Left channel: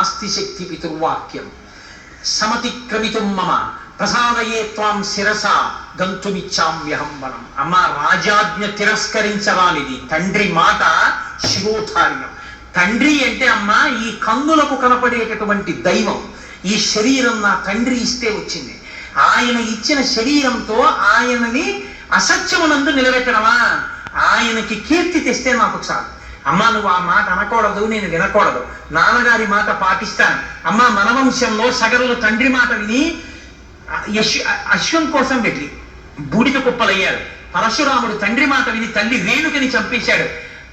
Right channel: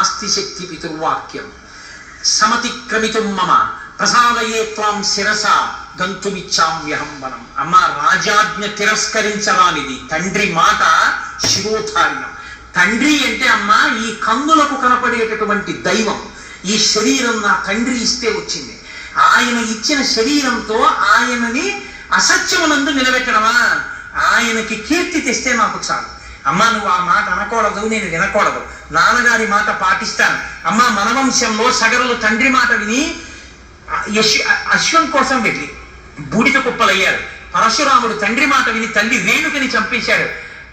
నాస్తి శక్తి పితుర్వాక్యం సమతిక్రమితుం మమ ప్రసాదయే త్వాం శిరస గంతుమిచ్చామ్యహం వనం. అమ్మ, రాజాజ్ఞ తిరస్కరించరానిది. తండ్రి మాట శిరోధార్యం. తండ్రి అంటే అమ్మ ఈ కన్నులకు కనపడేటటువంటి దైవం. ఈ శరీరం నా తండ్రి ఇస్తే వచ్చింది. ఆయన ఇచ్చిన శరీరంతో ఆయనని అసత్యమునందు నిలబెట్టడమా? ఆయనకి కీర్తి తెస్తే నాకు చాలు. అమ్మ, నువ్వు ఆ మాట అనకూడదు, నేను వినకూడదు, నాన్నగారి మాట పాటిస్తాను. అమ్మ, మన వంశంలో సగరులు తండ్రి మాట విని అశ్వం కోసం వెళ్ళి బూడిద కుప్పలయ్యాడు. పరశురాముడు తండ్రి మాట విని తల్లి రేణుకని చంపేశాడు.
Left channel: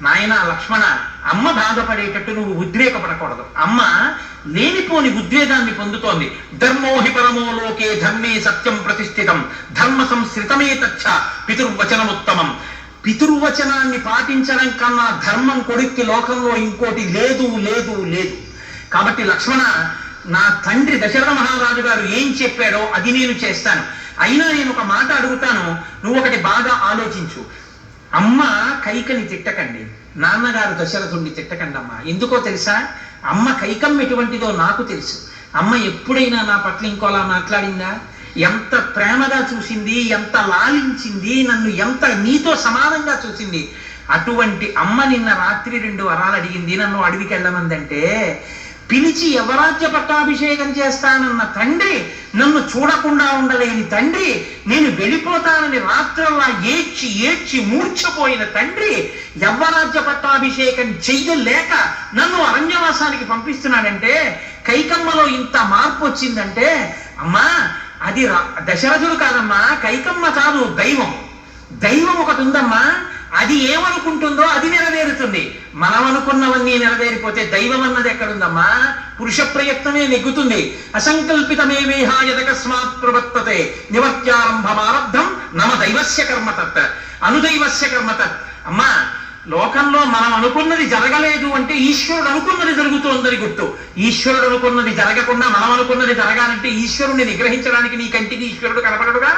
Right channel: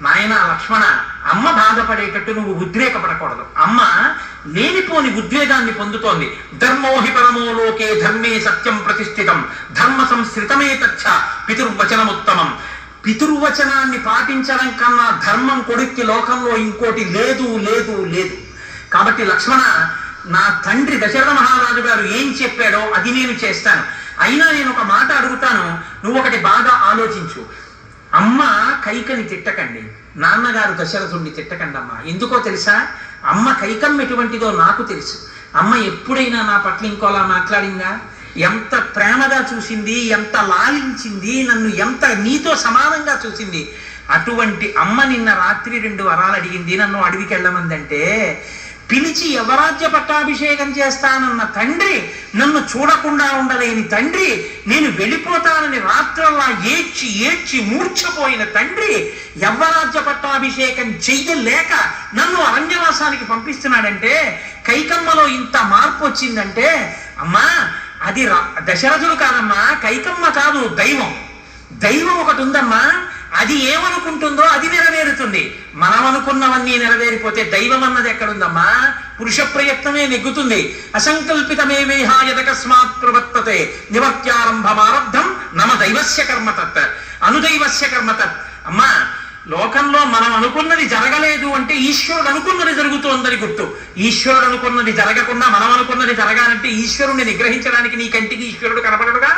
నాయన లక్ష్మణ, అమ్మ బాధపడేటట్టు నువ్వు ఉద్రేకపడకూడదు. అమ్మ లేనిపోని ఉద్వేగాన్ని పొందుతోంది. ధర్మోహి పరమో లోకే ధర్మే సత్యం ప్రతిష్ఠితం ధర్మ సంస్కృతమే తచ్చ పితుర్వచనముత్తమం. పితుర్వచనాన్ని పాటించడం కన్నా ధర్మం కొడుక్కి లోకంలో ఇంకోటి లేదు లేదు లేదు. కాబట్టి లక్ష్మణ, నా తండ్రి దశరథ మహారాజు గారు ఏం చెప్పాడో అది నేను చేస్తాను. అయినా నేను ఒక మాట అడుగుతాను, నువ్వు ఒకటి బాగా ఆలోచించు. అమ్మ కైకని తిట్టకండి, నాన్నగారు దశరథుణ్ణి తిట్టకండి అమ్మ. ఎందుకో తెలుసా? అమ్మ కైకం ఎటువంటిదో నాకు తెలుసు. అమ్మ ఎప్పుడైనా నా పట్ల ఇంకోలా మాట్లాడిందా? ఎంత ప్రేమగా చూసింది, ఎంత లాలించింది, నన్ను ఎంత నీతో సమానంగా చూసింది. అటువంటి అమ్మ నిన్న రాత్రి 2 వరాలు అడిగింది. నన్ను అడవికి వెళ్ళమందంటే పిలిచి యవరాజ్య పట్టాభిషేకం చేస్తానన్న తండ్రి, నన్ను చూడకుండా ఉండలేని తండ్రి, నేను వెళ్ళిపోతానని రాత్రల్లా ఏడ్చి ఏడ్చి మూర్ఛపోయిన తండ్రి, యవ్వరాజ్య పట్టాభిషేకం చెయ్యలేక నన్ను అరణ్యవాసానికి పంపిస్తున్నాడంటే, కైకమ్మలో ఇంత మార్పు వచ్చిందంటే, అమ్మా అది దశరథుడు కాదమ్మా, కైకమ్మ కాదు, దైవం. దైవం ఒకటి ఉందమ్మా, అది ఏమనుకుంటుందో అది నెరవేరుతుంది. మనం అనుకున్నవన్నీ నెరవేరిపోతే దైవం అన్నది ఎక్కడుందమ్మా? పురుష ప్రయత్నమే నెగ్గుతుంది. అసంకల్పితమే వేహాయదకస్మాత్ ప్రవర్తతే నివర్త్యారంభమారబ్ధం నమ దైవస్య కర్మతత్ అనుదైవస్య కర్మతత్. అమ్మా, లోకంలో మనం అనుకున్నది జరగలేదు అంటే ఈశ్వరుడు అనుకున్నది జరుగుతోందని గుర్తు. ఈశ్వరుడు అనుకున్నది జరగకుండా మనం అనుకున్నది జరగాలంటే ఈశ్వరుణ్ణి నిగ్రహించడానికి నీ కంటికి ఈశ్వరుడు కనపడడుగా.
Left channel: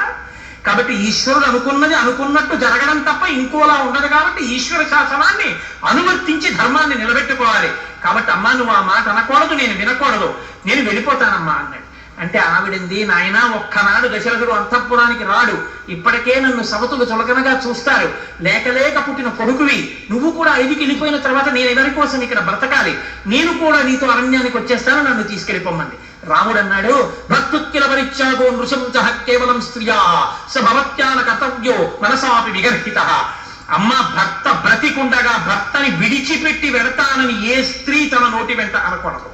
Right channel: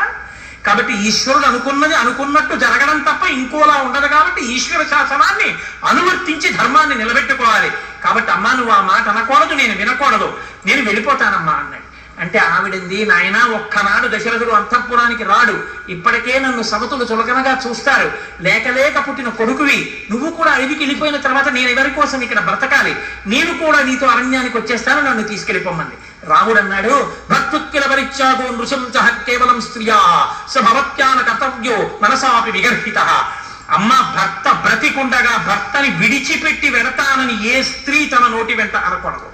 కాబట్టి ఈశ్వరుడు అనుకున్నది అనుకున్నట్టు జరగడం తప్ప ఇంకోలా ఉండదు. కాబట్టి ఈశ్వర శాసనాన్ని అనువర్తించి ధర్మాన్ని నిలబెట్టుకోవాలి. కాబట్టి అమ్మా, నువ్వు ఆ మాట అనకూడదు, నేను వినకూడదు, నేను వెళ్ళిపోతానమ్మా అన్నాడు. అంటే ఆవిడంది, నాయన ఒక్కనాడు దశరథుడు అంతఃపురానికి రాడు, ఇప్పటికే నన్ను సవతులు చులకనగా చూస్తారు, లేక లేక పుట్టిన కొడుకువి, నువ్వు కూడా అడవికి వెళ్ళిపోయిన తర్వాత నేను ఎవరి కోసం ఇక్కడ బ్రతకాలి, నేను కూడా నీతో అరణ్యానికి వచ్చేస్తాను, నన్ను తీసుకెళ్ళిపోమంది. రాముడు అన్నాడు, భక్తుక్కిల పరిత్యాగో నృశంస కేవలం స్త్రియా స భవత్యాన కర్తవ్యో మనసాపి విగర్హిత. అమ్మ, భర్త బ్రతికుండగా భర్తని విడిచిపెట్టి వెడతానని ఏ స్త్రీ తన నోటి వెంట అనకూడదు.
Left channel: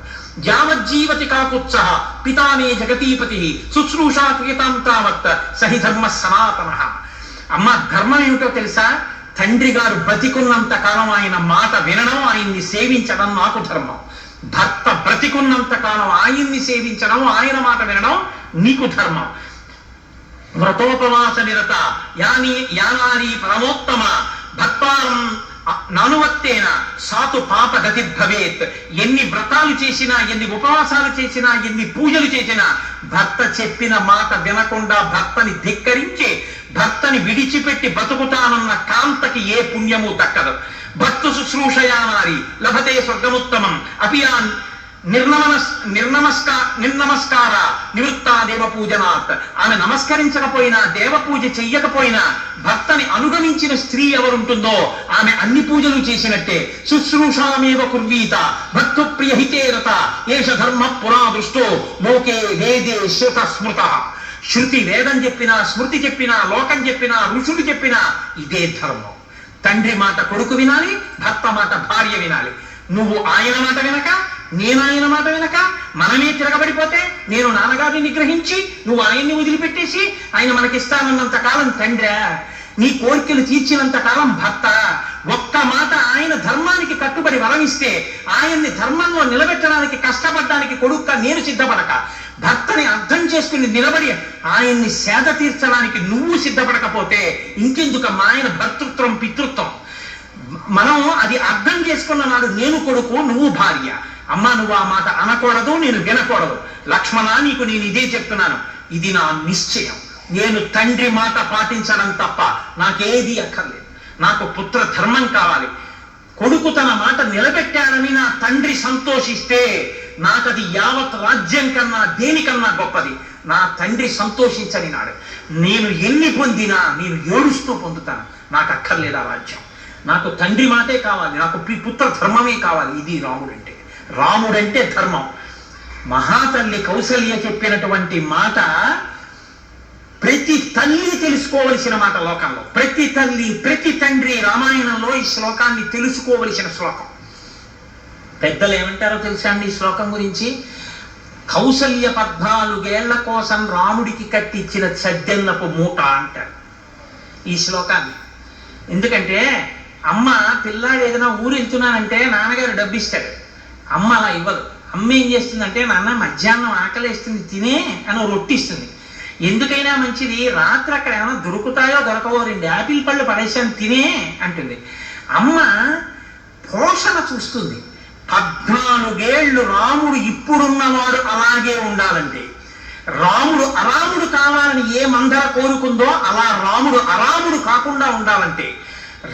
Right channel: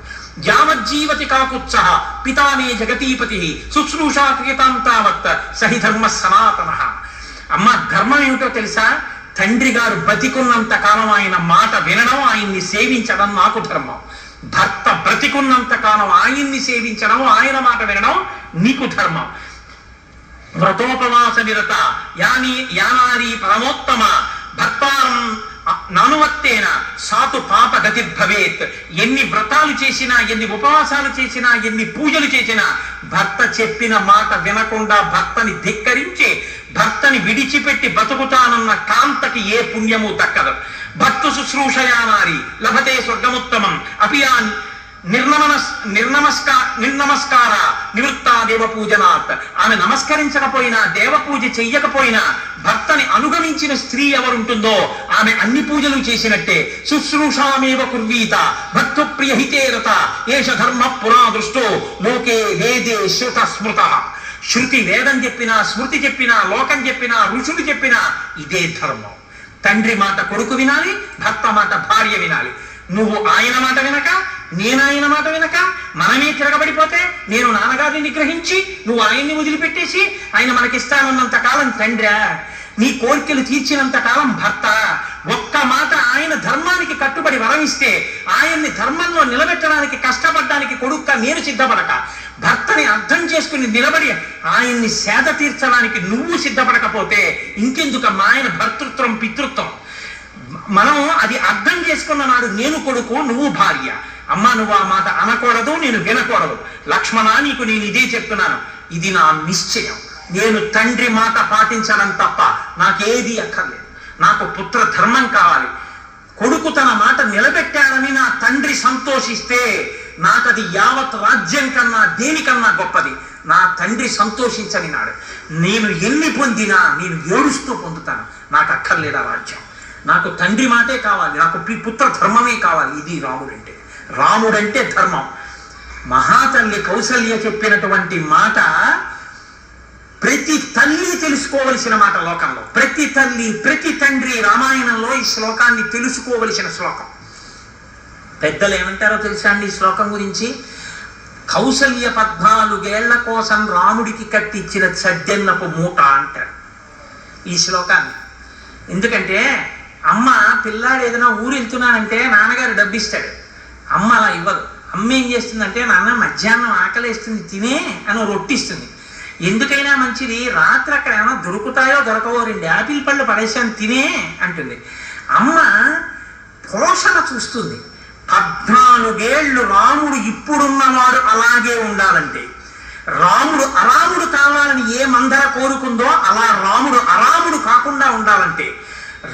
యావజ్జీవతి కాకుత్స పితానే జగతీపతి శుశ్రూషా క్రియతాం తావత్ సహి ధర్మ సనాతన. అమ్మ, ధర్మం ఏమిటో తెలుసా? తండ్రి గారు బ్రతికున్నంత కాలం ఆయన మాట వినడం, ఆయన్ని సేవించడం నాకు ధర్మం. భర్త బ్రతికున్నంత కాలం ఆయన్ని సేవించడం, ఆయన మాట వినడం నీకు ధర్మం. వ్రతోపవాస నిరత యానారీ పరమోత్తమ భర్తారం నానువత్తేన సాతు పాప గతిర్భవేత్. ఎన్ని వ్రతాలు చేసినా, ఎన్ని ఉపవాసాలు చేసినా, ఎన్ని పూజలు చేసినా భర్త చెప్పిన మాట వినకుండా భర్తని ధిక్కరించి భర్తని విడిచిపెట్టి బతుకుతానన్న కాంతకి ఏ పుణ్యము దక్కదు. భర్త శుశ్రూషయానారి లభతే స్వర్గముత్తమం అపియాన్ నిర్నమస్కార నివృత్త దేవపూజనాత్. ఆమె నమస్కరించకపోయినా, దేవపూజ చెయ్యకపోయినా భర్తని అనుగమించిన స్త్రీ ఎవరుంటుందో ఆమె అన్ని పూజలు చేసినట్టే. శుశ్రూషామేవ కుర్వీత భక్తు ప్రియహితేరత ఏష ధర్మ పురా దృష్టో లోకే వేదే శ్రుత స్మృత. శృతి వేదం చెప్పినా, స్మృతి చెప్పినా, లోకం చెప్పినా, ఋషులు చెప్పినా ఇదే ధర్మం. తండ్రి మాట కొడుకు వినాలి, భర్త మాట భార్య వినాలి. నువ్వు ఆయన మాట వినక, నేను ఆయన మాట వినక మనమే తిరగబడిపోతే, నేను నాన్నగారిని నిగ్రహించి నువ్వు ఆయన్ని వదిలిపెట్టేసి ఆయన మనకిస్తానన్నంత కాలం తండ్రి, నీ కోరికలు తీర్చినంత కాలం భర్త. ఒక్క మాట ఆయన ధర్మానికి కట్టుబడి వరమిస్తే, ఆయన్ని ధర్మంలో నిలబెట్టడానికి కష్టపడడానికి కొడుక్క నేను సిద్ధపడక, భర్తని అర్థం చేసుకుని నిలబడి ఆయన్ని సేద తీర్చడానికి నువ్వు సిద్ధపడకపోతే ఇంకెందుకమ్మా ఆయన భర్తృత్వం, పితృత్వం. మనం అది అర్థం చేసుకున్న నాడు నేను కొడుకు, నువ్వు భార్య. అమ్మ, నువ్వు ఆ మాట అనకూడదు, నేను వినకూడదు. లక్ష్మణ, నీకు నేను ఇదే చెప్తున్నాను, ఇది నా నిశ్చయం. నేను తండ్రి మాట పాటించడం తప్ప నాకేది అక్కర్లేదు. నాకు పుత్ర ధర్మం కావాలి. కొడుకు తన మాట నిలబెట్టాడని నా తండ్రి సంతోషిస్తే నాకది యావత్ రాజ్యం కన్నా దేనికన్నా గొప్పది. నా తండ్రి సంతోషించనినాడు. నేను ఎన్ని పొందినా నేను ఏడుస్తూ పొందుతాను. నాకు అక్కర్లేదు ఆ రాజ్యం. నాకు తండ్రి మాటే కావాలి, నాకు పుత్ర ధర్మమే కావాలి. ఇది రాముడంటే. రాముడంటే ధర్మం. మహాతల్లి కౌసల్య చెప్పినటువంటి మాట ప్రతి తల్లి తెలుసుకోవలసిన మాట లోకంలో. ప్రతి తల్లి, ప్రతి తండ్రి రామాయణంలో ఈ శ్లోకాన్ని తెలుసుకోవలసిన శ్లోకం. పెద్దలు ఏమంటారో తెలుసా అండి ఈ శ్లోకం గురించి? కౌసల్య 14 ఏళ్ల కోసం రాముడికి కట్టించిన సజ్జన్నపు మూట అంటారు ఈ శ్లోకాన్ని. ఎందుకంటే అమ్మ పిల్లాడు ఏదైనా ఊరు వెళ్తున్నానంటే నాన్నగారు డబ్బిస్తాడు. అమ్మ అలా ఇవ్వదు. అమ్మ ఏం చేస్తుందంటే, నాన్న మధ్యాహ్నం ఆకలేస్తుంది తినే అని రొట్టిస్తుంది. ఎందుకైనా మంచిది, రాత్రి అక్కడ ఏమైనా దొరుకుతాయో దొరకవో 2 యాపిల్ పళ్ళు పడేసాను తినే అంటుంది. అమ్మ పోషణ చూస్తుంది. 14 ఏళ్ళు రాముడు ఇప్పుడున్నవాడు అలాగే ఉండాలంటే, రాముడు అరాముడు కావాలని ఏ మందర కోరుకుందో అలా రాముడు అరాముడు కాకుండా ఉండాలంటే,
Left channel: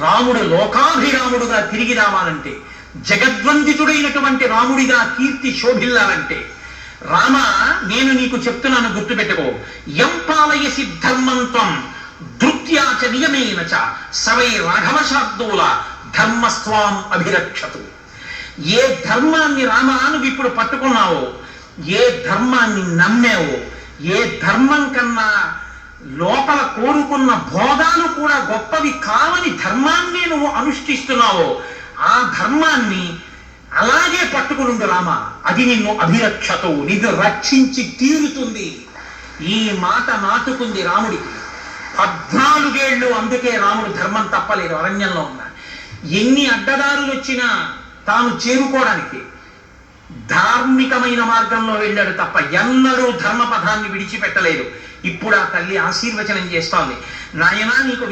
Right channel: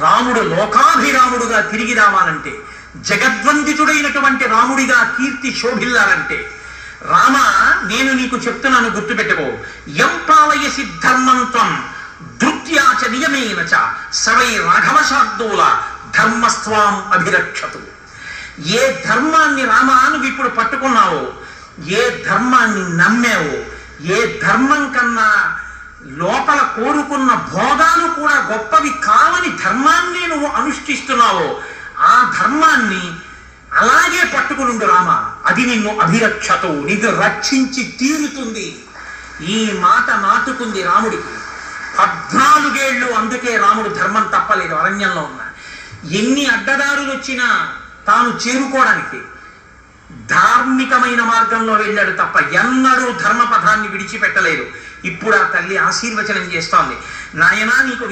రాముడు లోకాభిరాముడుగా తిరిగి రావాలంటే, జగద్వందితుడైనటువంటి రాముడిగా కీర్తి శోభిల్లాలంటే, రామ నేను నీకు చెప్తున్నాను గుర్తుపెట్టుకో. యం పాలయసి ధర్మంత్వం ధృత్యాచ నియమేన చ సవై రాఘవశాబ్దూల ధర్మస్త్వాం అభిరక్షతు. ఏ ధర్మాన్ని రామా నువ్వు ఇప్పుడు పట్టుకున్నావో, ఏ ధర్మాన్ని నమ్మావో, ఏ ధర్మం కన్నా లోపల కోరుకున్న భోగాలు కూడా గొప్పవి కావని ధర్మాన్ని నువ్వు అనుష్ఠిస్తున్నావో, ఆ ధర్మాన్ని అలాగే పట్టుకునుండు రామ. అది నిన్ను అభిరక్షతు, నిన్ను రక్షించి తీరుతుంది. ఈ మాట నాటుకుంది రాముడికి. 14 ఏళ్ళు. అందుకే రాముడు ధర్మం తప్పలేదు. అరణ్యంలో ఉన్న ఎన్ని అడ్డదారులు వచ్చినా తాను చేరుకోవడానికి ధార్మికమైన మార్గంలో వెళ్ళాడు తప్ప ఎన్నడూ ధర్మపథాన్ని విడిచిపెట్టలేదు. ఇప్పుడు ఆ తల్లి ఆశీర్వచనం చేస్తోంది. నాయనా, నీకు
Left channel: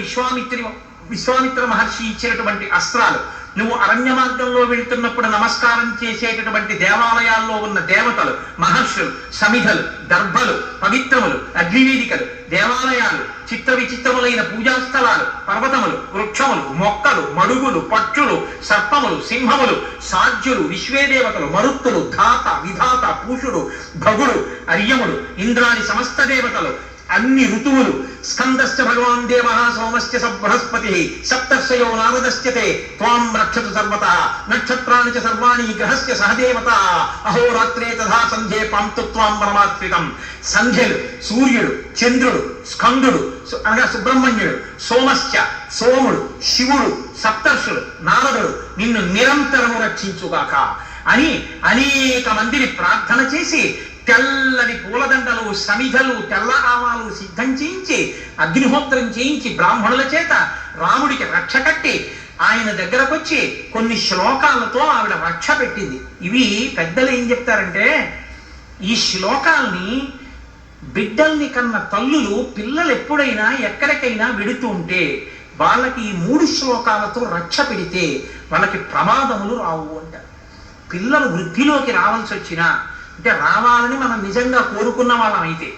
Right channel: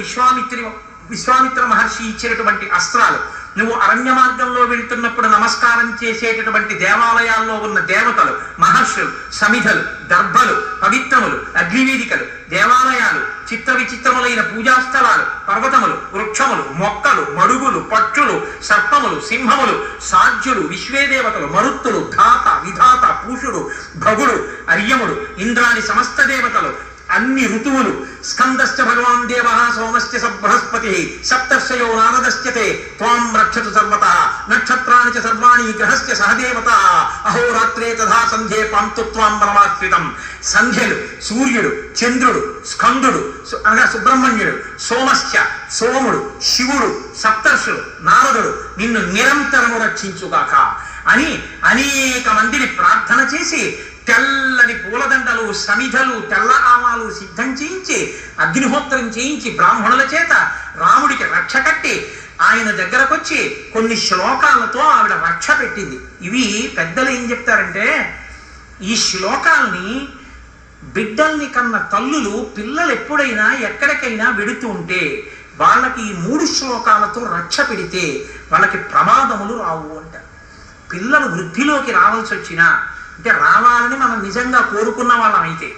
విశ్వామిత్ర మహర్షి ఇచ్చినటువంటి అస్త్రాలు, నువ్వు అరణ్య మార్గంలో వెళ్తున్నప్పుడు నమస్కారం చేసేటటువంటి దేవాలయాల్లో ఉన్న దేవతలు, మహర్షులు, సమిధలు, దర్భలు, పవిత్రములు, అగ్నివేదికలు, దేవాలయాలు, చిత్ర విచిత్రములైన పూజాస్థలాలు, పర్వతములు, వృక్షములు, మొక్కలు, మడుగులు, పక్షులు, సర్పములు, సింహములు, సాధ్యులు, విశ్వేదేవతలు, మరుత్తులు, ధాత, విధాత, పూషుడు, భగుడు, అర్యముడు, ఇంద్రాని సమస్త దేవతలు, అన్ని ఋతువులు, స్కందశ్చ భగవాన్ దేవ సోమశ్చ బృహస్పతి సప్తర్షయో నారదశ్చతే త్వాం రక్షతు సర్వతః నక్షత్రాణి చ సర్వాణి గ్రహశ్చ సహదేవత అహోరాత్రే తథా సంధ్యే పాంతు త్వాం పరమాశ్రితం. సంధ్యలు, సూర్యుడు, చంద్రుడు, స్కందుడు అనగా సుబ్రహ్మణ్యుడు, సోమశ్చ సోముడు, శివుడు, సప్తర్షులు, నారదుడు నిన్ను నిరంతరము రక్షించుగాక అని అనేక మందిని ప్రార్థన చేసి తెల్లని పూలదండలు, సమిధలు, తెల్ల ఆవాలు సిద్ధం చేయించి, అగ్నిహోత్రం చేయించి బ్రాహ్మణుల చేత రాముడికి రక్ష కట్టి ఆయన దగ్గరకు వచ్చి కొన్ని శ్లోకాలతో ఆవిడ రక్ష పెట్టింది. ఇవి పెద్దలు ఏం చెప్తారంటే, ఈ శ్లోకాల్ని బిడ్డల్ని కన్న తల్లులు పిల్లలు ఎప్పుడైనా ఎక్కడికైనా వెడుతూ ఉంటే వాళ్ళకి ఈ 3 శ్లోకాలతో రక్ష పెడితే వాళ్ళకి ప్రమాదములు రావు అంటారు. పిల్లలు వృద్ధిలోకి రావాల్సి వచ్చినా, అంటే రావాలని మనం నిజంగా కోరుకున్న వాళ్ళం అయితే,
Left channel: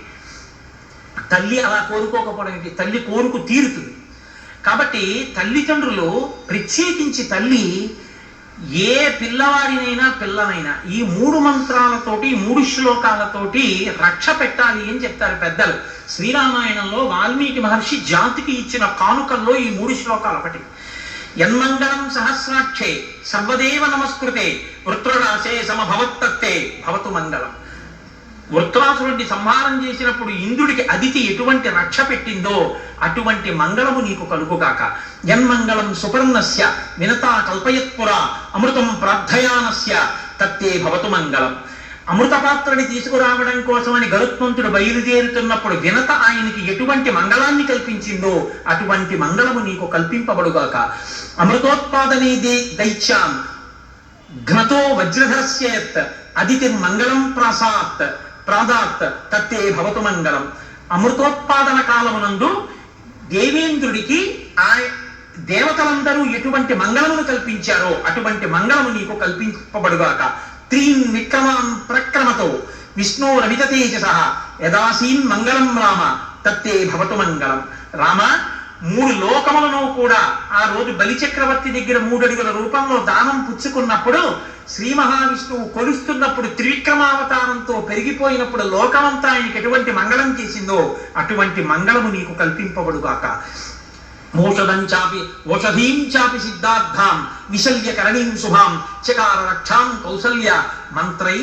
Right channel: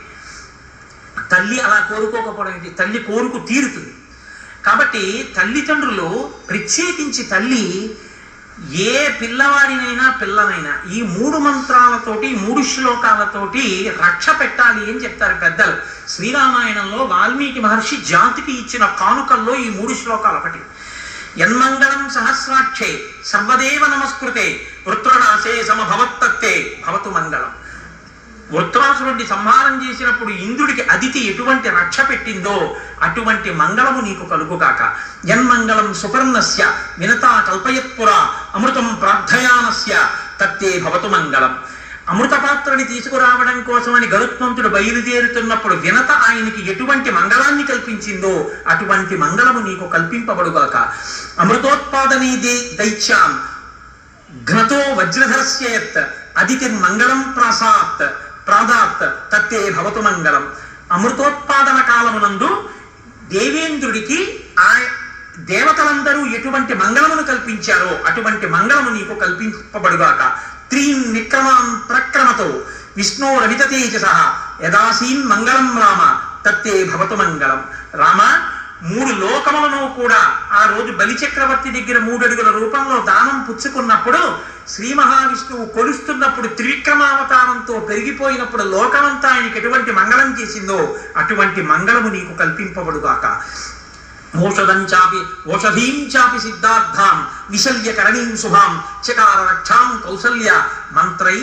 తల్లి అలా కోరుకోకపోవడం ఏంటి? తల్లి కోరుకు తీరుతుంది. కాబట్టి తల్లిదండ్రులు, ప్రత్యేకించి తల్లి, ఏ పిల్లవాడినైనా పిల్లనైనా ఈ 3 మంత్రాలతోటి, 3 శ్లోకాలతోటి రక్ష పెట్టాలి అని చెప్తారు పెద్దలు. శ్రీరామాయణంలో వాల్మీకి మహర్షి జాతికి ఇచ్చిన కానుకల్లో ఈ 3 శ్లోకాలు ఒకటి. యన్మంగళం సహస్రాక్షే సర్వదేవ నమస్కృతే వృత్రరాశే సమభవత్తత్తే భవతు మంగళం. వృత్రాసురుడిని సంహారం చేసినప్పుడు ఇంద్రుడికి అదితి ఎటువంటి రక్ష పెట్టిందో అటువంటి మంగళము నీకు కలుగుగాక. యన్మంగళం సుపర్ణస్య వినతా కల్పయత్పురా అమృతం ప్రార్థయానస్య తత్తే భవతు మంగళం. అమృతపాత్రని తీసుకురావడం కోసమని గరుత్మంతుడు బయలుదేరుతున్నప్పుడు వినత ఆయనకి ఎటువంటి మంగళాన్ని కల్పించిందో అటువంటి మంగళము నీకు కల్పింపబడుగాక. అమృతోత్పాదనే దైత్యాం ఘ్నతో వజ్రధరస్యేత్ అదితిర్మంగళం ప్రాదాత్ తత్తే భవతు మంగళం. అమృతోత్పాదన కాలమునందు దేవేంద్రుడికి ఆ దేవతలందరూ ఎటువంటి మంగళమును కల్పించారో అటువంటి మంగళము నీకు కల్పింపబడుగాక. త్రీన్ నిక్రమాం ప్రక్రమతో విష్ణోరమిత తేజసః యదాసీన్ మంగళం రామ తత్తే భవతు మంగళం. రామ, 3 లోకములను కూడా ఆ రోజు బలిచక్రవర్తి దగ్గర 3 అడుగుల రూపంలో దానం పుచ్చుకున్నప్పుడు శ్రీ మహావిష్ణువు కొలుస్తున్నప్పుడు త్రివిక్రమావతారంతో పెరిగిపోయినప్పుడు లోకమంతా ఆయనకి ఎటువంటి మంగళం చేసిందో అటువంటి మంగళము నీకు కల్పింపబడుగాక. ఓషధీం చాపి సిద్ధార్థాం విశల్యకరణీం శుభాం చకార రక్షాం కౌసల్య మంత్రై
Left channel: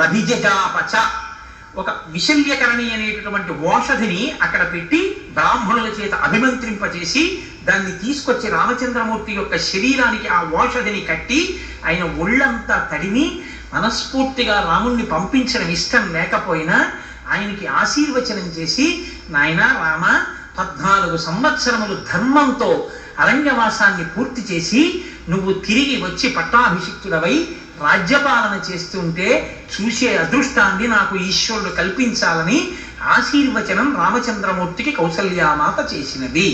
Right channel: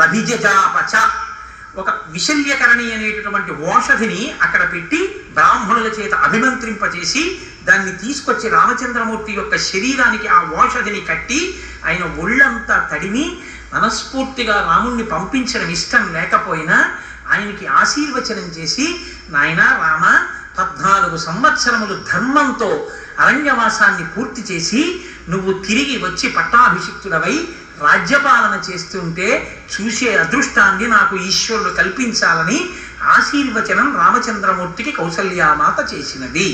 రభిజాపచ. ఒక విశల్యకరణి అనేటటువంటి ఓషధిని అక్కడ పెట్టి బ్రాహ్మణుల చేత అభిమంత్రింపచేసి దాన్ని తీసుకొచ్చి రామచంద్రమూర్తి యొక్క శరీరానికి ఆ ఓషధిని కట్టి ఆయన ఒళ్ళంతా తడిమి మనస్ఫూర్తిగా రాముణ్ణి పంపించడం ఇష్టం లేకపోయినా ఆయనకి ఆశీర్వచనం చేసి, నాయన రామ 14 సంవత్సరములు ధర్మంతో అరణ్యవాసాన్ని పూర్తి చేసి నువ్వు తిరిగి వచ్చి పట్టాభిషిక్తుడవై రాజ్యపాలన చేస్తుంటే చూసే అదృష్టాన్ని నాకు ఈశ్వరుడు కల్పించాలని ఆశీర్వచనం రామచంద్రమూర్తికి కౌసల్యామాత చేసినది.